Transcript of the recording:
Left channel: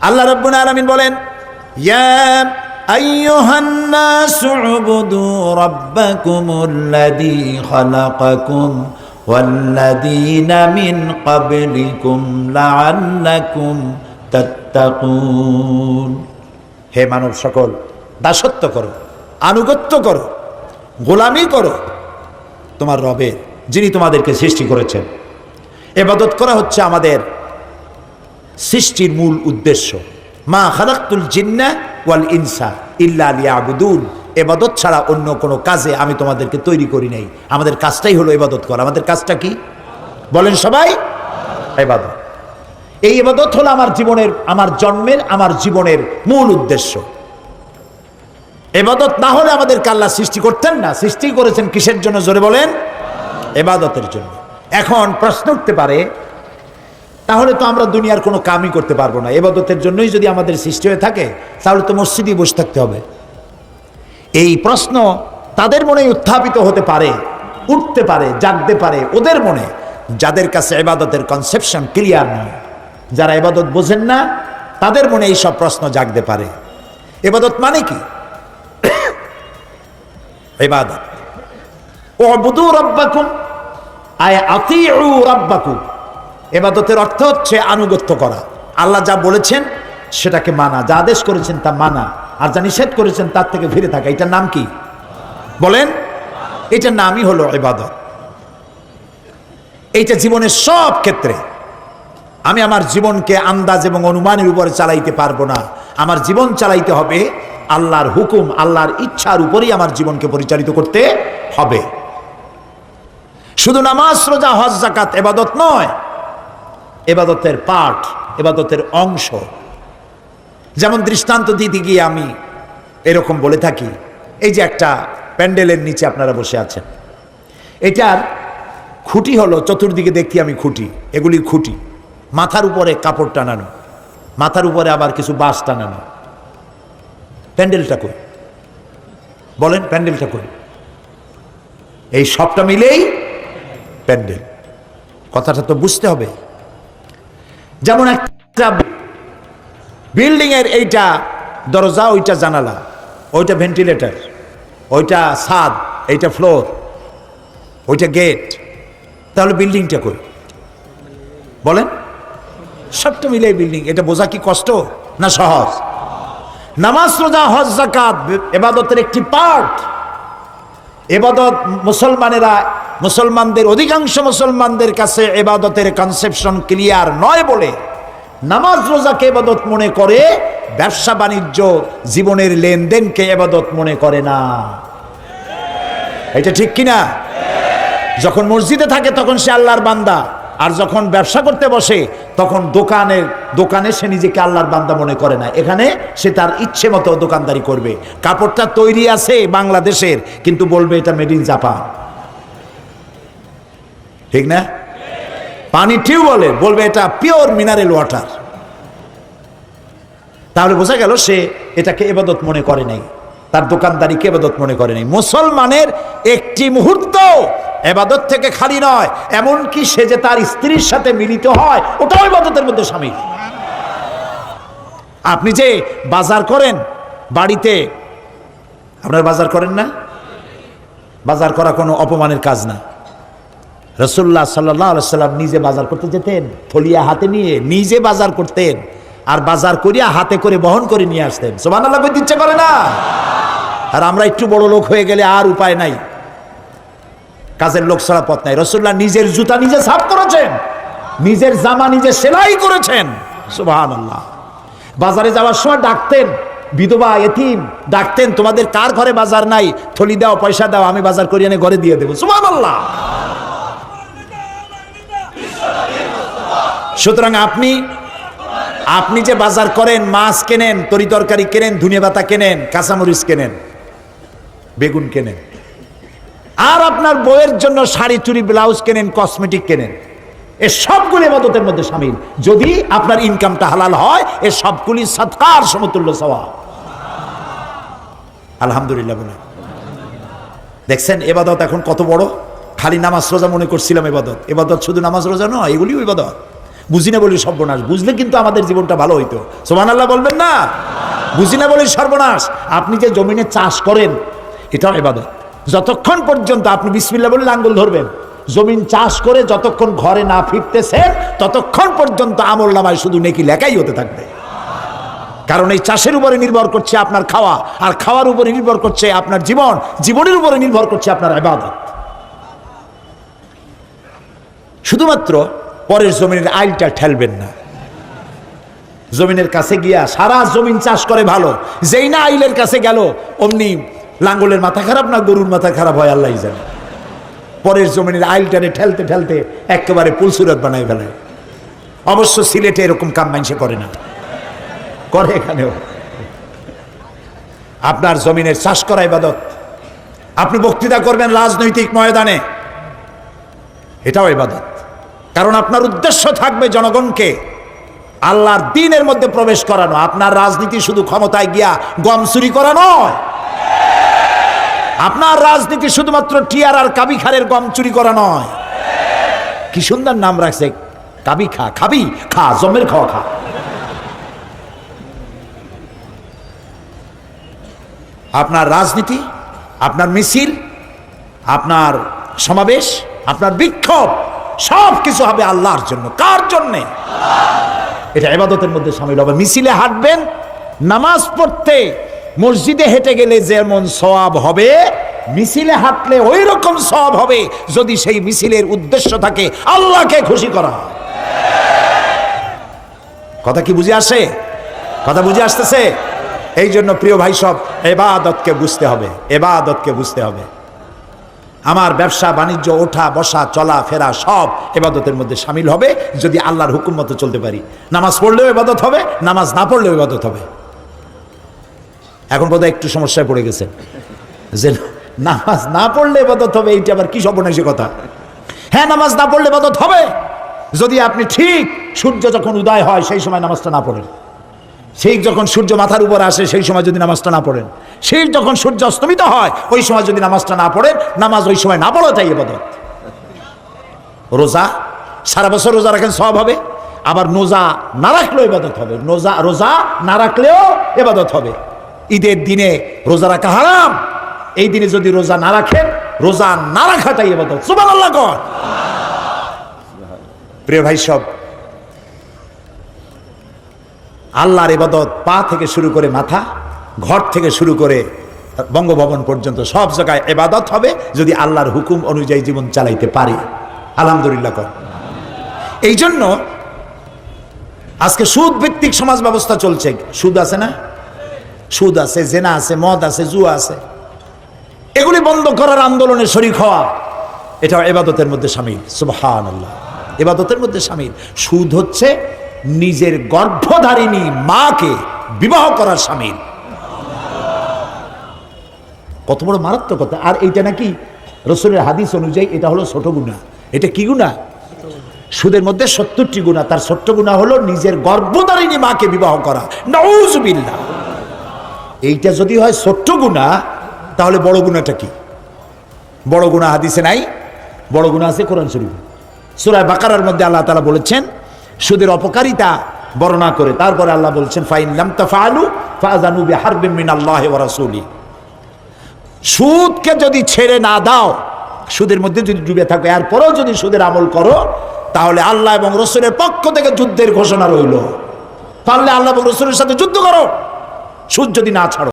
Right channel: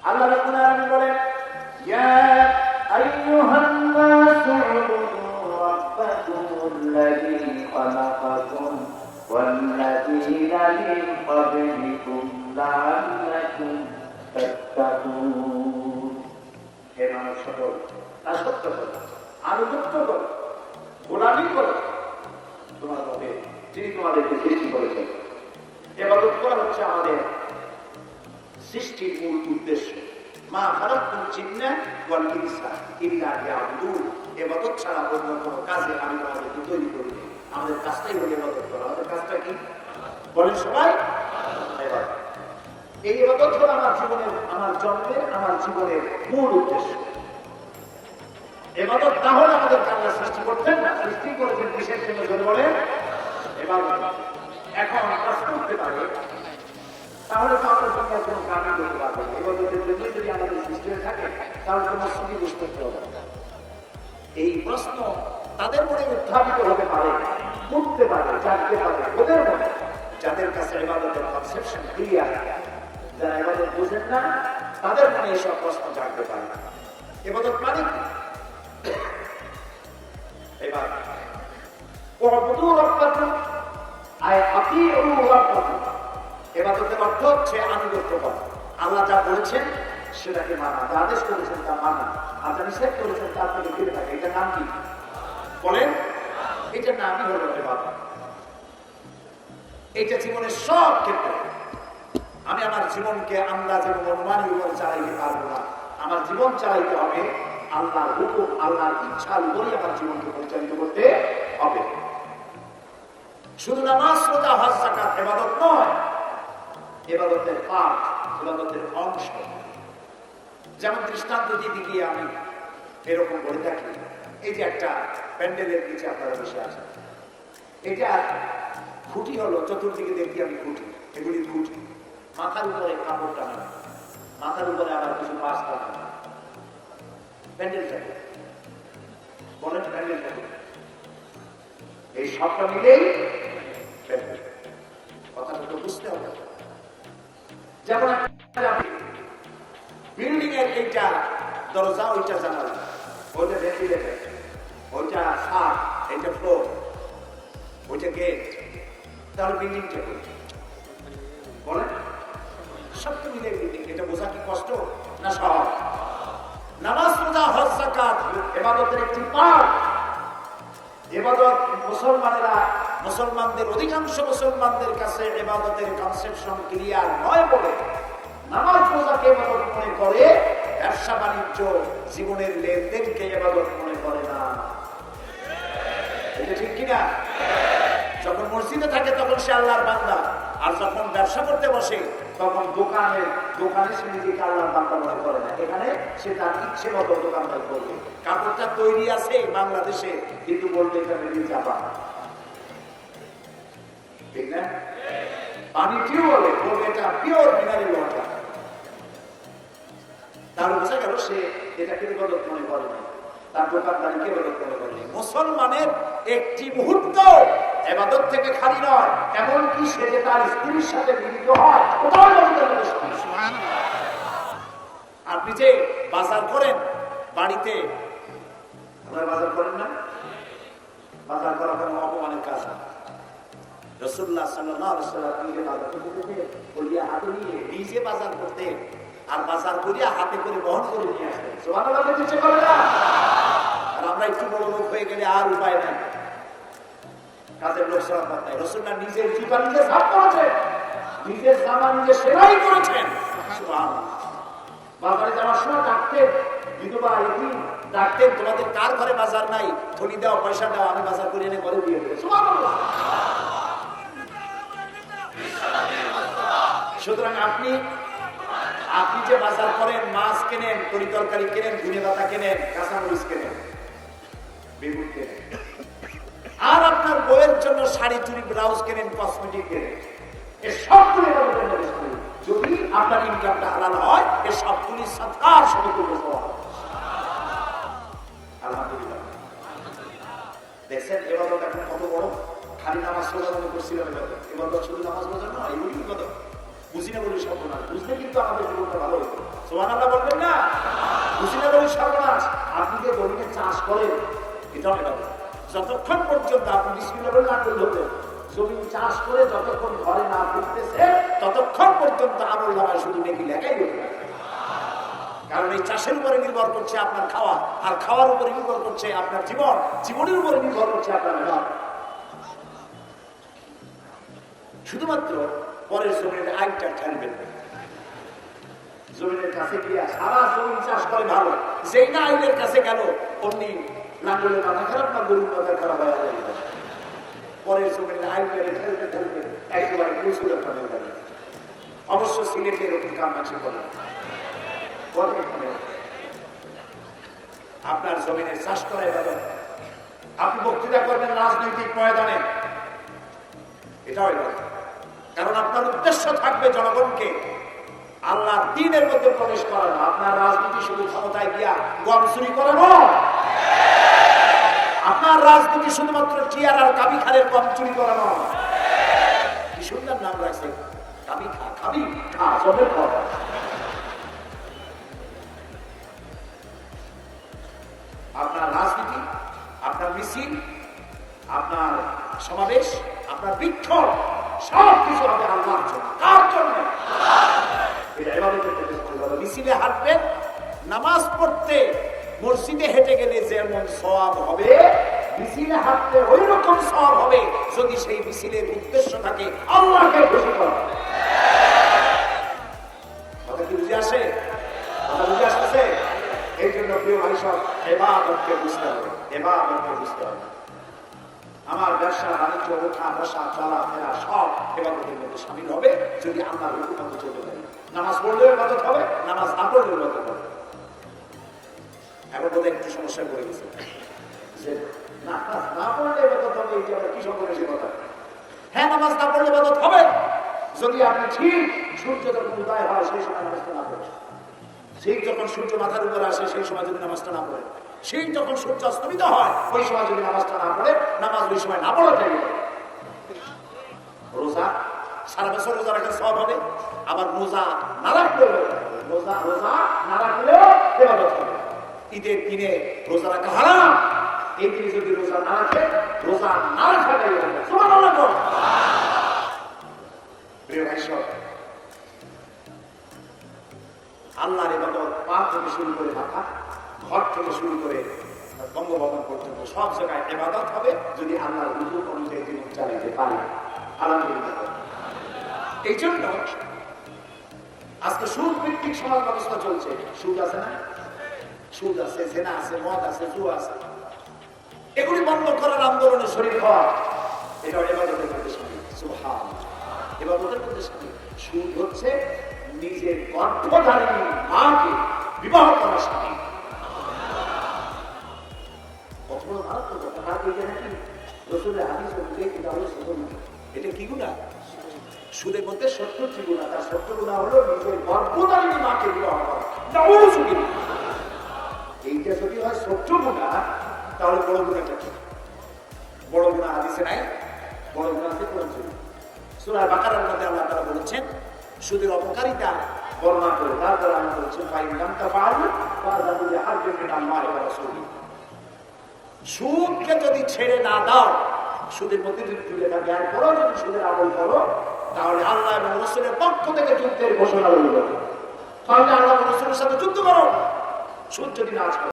আল্লাহ রব্বুল আলমিন বলেন হে মানব সকল, দাসত্ব করো, আনুগত্য করো, গোলামি করো। তোমার রবে, যিনি তোমাদেরকে সৃষ্টি করেছেন। এবাদত করা হচ্ছে আমাদের সৃষ্টির মূল উদ্দেশ্য। মা খালাক্তুল জিন্না ওয়াল ইনসা ইল্লা লিয়াবুদুন। এবাদত ছাড়া অন্য কোনো কাজে আমি তোমাদেরকে তৈরি করি নাই। আমাদের কাজটাই হলো এবাদত করা। আমাদের কাজটা কি? বলেন সবাই, এবাদত। এই এবাদত হলো আমার জীবনের, আমার জন্মের, আমার জীবনের মূল উদ্দেশ্য। এবাদত না হলে আমাদের কাল্লা সৃষ্টি করতেন না। সৃষ্টি করেছেন কিসের জন্য? জোরে বলেন, এবাদতের জন্য। এখন প্রশ্ন উঠতে পারে তাহলে তো আমরা দুনিয়ার কোনো কামই করতে পারব না। এবাদতের জন্যই যদি আমাদের সৃষ্টি হয়ে থাকে, তাহলে তো মসজিদই বসে থাকতে হবে। এই প্রশ্ন তাদের মনে উত্থাপিত হতে পারে, উঠতে পারে, জাগতে পারে ওদের মনে। যাদের কাছে এবাদতের কনসেপশন ক্লিয়ার নয় যারা এবাদত বোঝেন না, তাদের মনে এই সব প্রশ্ন জাগতে পারে। এবাদত মানে কি? এবাদত। ও বুধু রব্বাকুম, আয় আতিউ রব্বাকুম। এবাদতের অর্থ হচ্ছে আনুগত্য করা। আল্লাহ যা বলেছেন সেটাকে মানা, যা আদেশ করেছেন তা মানা, আর যা নিষেধ করেছেন তার থেকে ফিরে থাকা। এটার নাম কি? বলেন, এটার নামই হলো এবাদত এইটা জীবনের সব ক্ষেত্রে। আমি আমার জীবনকে আন্দাজ এবং অনুমানের উপরে চালাইতে পারব না। আমার জীবন চালাইতে হবে আল্লাহর হুকুম, আল্লাহর ইচ্ছার উপরেই আমার জীবনকে পরিচালিত করতে হবে। শুধু নামাজ, রোজা, হজ জাকাত এবাদত নয় এবাদতের পাঠ, এবাদতের অংশ। যেমন দৃষ্টান্ত দিতে গিয়ে আমি এরকম বলে থাকি, এই যে একটা প্যান্ডেলের নিচে আপনারা বসে আছেন। এটার খুঁটি হলো, চতুর্দিকে দেখি আমি খুঁটি, এগুলি খুঁটি। মাথার উপরে কাপড় টানানো, মাথার উপরে আবার কিছু বাঁশ টানানো। প্যান্ডেলটা কই? বলেন, প্যান্ডেলটা কই? এই সবটা মিলেই প্যান্ডেল। কথাটা তো বুঝতে হবে। যেমন একটা বিল্ডিং এর এইটা দরজা, ওইটা জানালা, ওইটা ভেন্টিলেটর ওইটা ছাদ, এইটা ফ্লোর ওইটা গেট তাহলে বিল্ডিংটা কই? বলেন। সবটা মিলে বিল্ডিং, এটা বোঝা কি কষ্ট না সহজ? নামাজ, রোজা, হজ জাকাত এবাদতের একটি পার্ট এবাদত মুসলমানেরা, মুসলমানদের, অধিকাংশ মুসলমানদের কাছে এবাদতের কনসেপশন ক্লিয়ার নয় বলে নামাজ রোজাকে এবাদত মনে করে, ব্যবসা বাণিজ্য জীবনের লেনদেনকে এবাদত মনে করে না। এটা ঠিক কিনা? যখন মসজিদে থাকে তখন সে আল্লাহর বান্দা। আর যখন ব্যবসা করতে বসে, তখন দোকানের, দোকানে সে নিজেকে আল্লাহর বান্দা মনে করে না। এখানে সে তার ইচ্ছে মতো দোকানদারি করবে। কাপড়টা তৈরি আছে বাংলাদেশের, কিন্তু বলবে এটা মেড ইন জাপান ঠিক না? পানি টিউবওয়েলে বলবে এটা পিওর মিনারেল ওয়াটার তাহলে বোঝা গেল সে এটাকে এবাদত মনে করে নাই। তার দোকানদারিকে এবাদত মনে করে নাই। মুসলমানের একটি মুহূর্ত এবাদত থেকে খালি নয়, এমনকি সে যে তার স্ত্রীর সাথে মিলিত হয়, ওটাও এবাদতের মধ্যে স্বামী আপনি যে বাজার করেন বাড়িতে, আপনার বাজার করেন না? বাজার করা কোনো অপমানের কাজ না। রসুল্লাহ সাল্লাহ সাল্লাম নিজে বাজার করতে যেতেন, থলিয়া হাতে নিয়ে নিজে বাজার করতেন, আর বাজার করিয়া হাতে করে বহন করে নিয়ে আসতেন। সোমান আল্লাহ ইচ্ছে করে না? আর আমরা একটু বড় লোক হয়ে গেলে আর উপায় নাই। কাজের লোক ছাড়া পথ নাই। রসুল্লাহ নিজের জুতা নিজে সাফ করেছেন, নিজের জামা নিজে সেলাই করেছেন। আল্লাহ বাজারে যাওয়ার সময় ডাকতেন, বিধবা, এতিম, ডাকতেন, তোমাদের কার ঘরে বাজার নাই? থলি দাও, পয়সা দাও, আমি বাজার করিয়ে এনে ঘরে দিয়ে দেবো। সুবাহ আল্লাহ সুতরাং আপনি আপনি যে বাজার করেন, মাছ কেনেন, তরি তরকারি কেনেন, ধুনিয়া পাতা কেনেন, কাঁচামরিচ কেনেন, বেগুন কেনেন আর আপনার বইয়ের জন্য শাড়ি চুরি ব্লাউজ কেনেন, কসমেটিক কেনেন, এ সবগুলি মদতের মধ্যে সামিল। যদি আপনার ইনকামটা হালাল হয়, এ সবগুলি সৎকার সমতুল্য সওয়া আলহামদুলিল্লাহ বলে। দেখছেন, এবাদত এখন কত বড়? খালি নামাজ রোজা মনে করছিলাম এবাদত। এবাদত শুধু নামাজ রোজা নয়, এগুলিও এবাদত। বুঝি না বলি সর্বনাশ। বুঝলে কিন্তু আমাদের জীবনটা ভালো হইতো। সোমান আল্লাহ বলবেন না? বুঝি না বলি সর্বনাশ। আপনি যে জমিনে চাষ করেন, এটাও এবাদত। যতক্ষণ পর্যন্ত আপনি বিসমিল্লা বলে লাঙ্গল ধরবেন, জমিন চাষ করে যতক্ষণ ঘরে না ফিরতেছেন, ততক্ষণ পর্যন্ত আমল নামায় শুধু নেকি লেখাই হতে থাকবে। কারণ এই চাষের উপরে নির্ভর করছে আপনার খাওয়া, আর খাওয়ার উপরে নির্ভর করছে আপনার জীবন, জীবনের উপরে নির্ভর করছে আপনার আবাদত। শুধুমাত্র পরের জমিনের আইলটা ঠেলবেন না। জমিনের কাছে গিয়া সারা জমিন চাষ করে ভালো, যেই না আইলের কাছে গেল, অমনি লাঙ্গলের মাথা খারাপ না গরুর মাথা খারাপ হয় আল্লাহ জানে। পরের জমিনের আইল টানে ঠেলতে ঠেলতে একেবারে পুলসুরত বানায় ফেলায় অবশ্য সিলেটে এরকম কাম মানুষে করে না। করে এখানেও। আপনার জমিনের চাষ করা ইবাদত। আপনি বক্তৃতা করবেন রাজনৈতিক ময়দানে। এটাও ইবাদত। কারণ আপনার উদ্দেশ্য থাকবে জনগণকে আল্লাহর দিনের মধ্যে প্রবেশ করানো। আপনার রাজনীতি শুধু ক্ষমতায় গিয়া গম চুরি করা নয়। আপনার রাজনীতি শুধুমাত্র টিয়ার আর কাবি খারের গম চুরি করা নয়। কি সুন্দর নাম রাখছে। কাবি খা খাবি, খা, জমের খাওয়া খা। আপনার রাজনীতি, আপনার মিছিল, আপনার সমাবেশ, আপনার বিক্ষোভ সব কিছু হবে আল্লাহর জন্য। কার জন্যে? এটা এবাদতের মধ্যে সামিল হবে। মিছিলে হাঁটবেন, নামাজ পড়তে মসজিদে হেঁটে গেলে যেমন সওয়াব হবে, মিছিলে হাঁটলে ওই রকম সওয়াব হবে যদি সেই মিছিলের উদ্দেশ্য থাকে আল্লাহকে খুশি করা। কথা কি বুঝে আসে? কথা বুঝে আসতেছে? এই জন্য প্রিয় ভাই সব, এবাদতকে বুঝতে হবে, এবাদতকে বুঝতে হবে। আমার ব্যবসা, বাণিজ্য, ওঠা, বসা, চলা, ফেরা সব এবাদতের মধ্যে সামিল হবে যদি আল্লাহর হুকুম মতো চলতে পারি। নামাজ পড়লেও এবাদত হবে, নামাজ না পড়লেও এবাদত হবে। এখন বোধহয় একটু সমস্যায় পড়ে গেছে। যে নামাজ না পড়লে এবাদত হবে, এইটা আবার কি সর্বনাশী কথা। হ্যাঁ নামাজ না পড়লে এবাদত হবে। যদি আপনি ঠিক সূর্য যখন উদয় হয়, সেই সময় নামাজটা না পড়েন। সেই যখন সূর্য মাথার উপর আসে, সেই সময় যদি নামাজটা না পড়েন। সেই যখন সূর্য অস্তমিত হয়, ওই সময় যদি নামাজটা না পড়েন, নামাজ ওই সময় না পড়াটাই এবাদত রোজা, সারা বছর রোজা রাখেন, সব হবে। আবার নোজা না রাখলেও এবাদত হবে। নোজা, রোজা না রাখলেও এবাদত হবে। ঈদের দিনে রোজা রাখা হারাম। এই দিনে যদি রোজা না রাখেন, রোজা না রাখাটাই এবাদত সুবহানাল্লাহ কর। প্রিয় ভাই সব, আল্লাহর ইবাদত পা থেকে শুরু করে মাথা, ঘর থেকে শুরু করে বঙ্গভবন পর্যন্ত সব জায়গায় এবাদত হবে যদি আল্লাহর হুকুম অনুযায়ী জীবন চালাইতে পারি। আলহামদুলিল্লাহ কর। এই জন্য আজকে সুদ ভিত্তিক সমাজ ব্যবস্থা চলছে। সুদ আছে না? সুদ আছে, জেনা আছে, মদ আছে, জুয়া আছে। এগুলি বন্ধ করার আন্দোলনে শরিক হওয়া, এটা এবাদতের মধ্যে সামিল। সুবহান আল্লাহ এবাদতের মধ্যে সামিল। সুদ হচ্ছে নিজের গর্ভধারিণী মাকে বিবাহ করার সামিল। কত বড় মারাত্মক কথা। আর এইটা নাকি রসুলের হাদিস অনুযায়ী এটা হলো ছোট গুণা। এটা কি গুণা? সুদের মধ্যে সত্তরটি গুণা। তার ছোট্ট গুণা হলো নিজের গর্ভধারিণী মাকে বিবাহ করা। নউজবিল্লাহ। এইটা যদি হয় ছোট্ট গুণা, তাহলে বড় গুণাটা কি? বড় গুণা হাদিসে নাই, বড় গুণা আছে কোরআন শরীফ। সুরায় বাকারার মধ্যে আল্লাহ তালা বলেছেন, সুদের অপকারিতা বর্ণনা করে। তারপরে আল্লাহ বলছেন, ফাইন লাম তাফালু ফাজানু বিহারবিন মিন আল্লাহি রাসূলি। সুদকে যদি ছেড়ে না দাও, সুদের মধ্যে যদি ডুবে থাকো, এরপরেও যদি সুদের আমল করো, তাহলে আল্লাহ এবং রসুলের পক্ষ থেকে যুদ্ধের ঘোষণা রইল। পারলে আল্লাহ এবং রসুলের সাথে যুদ্ধ করো। সুদ যদি না ছাড়ো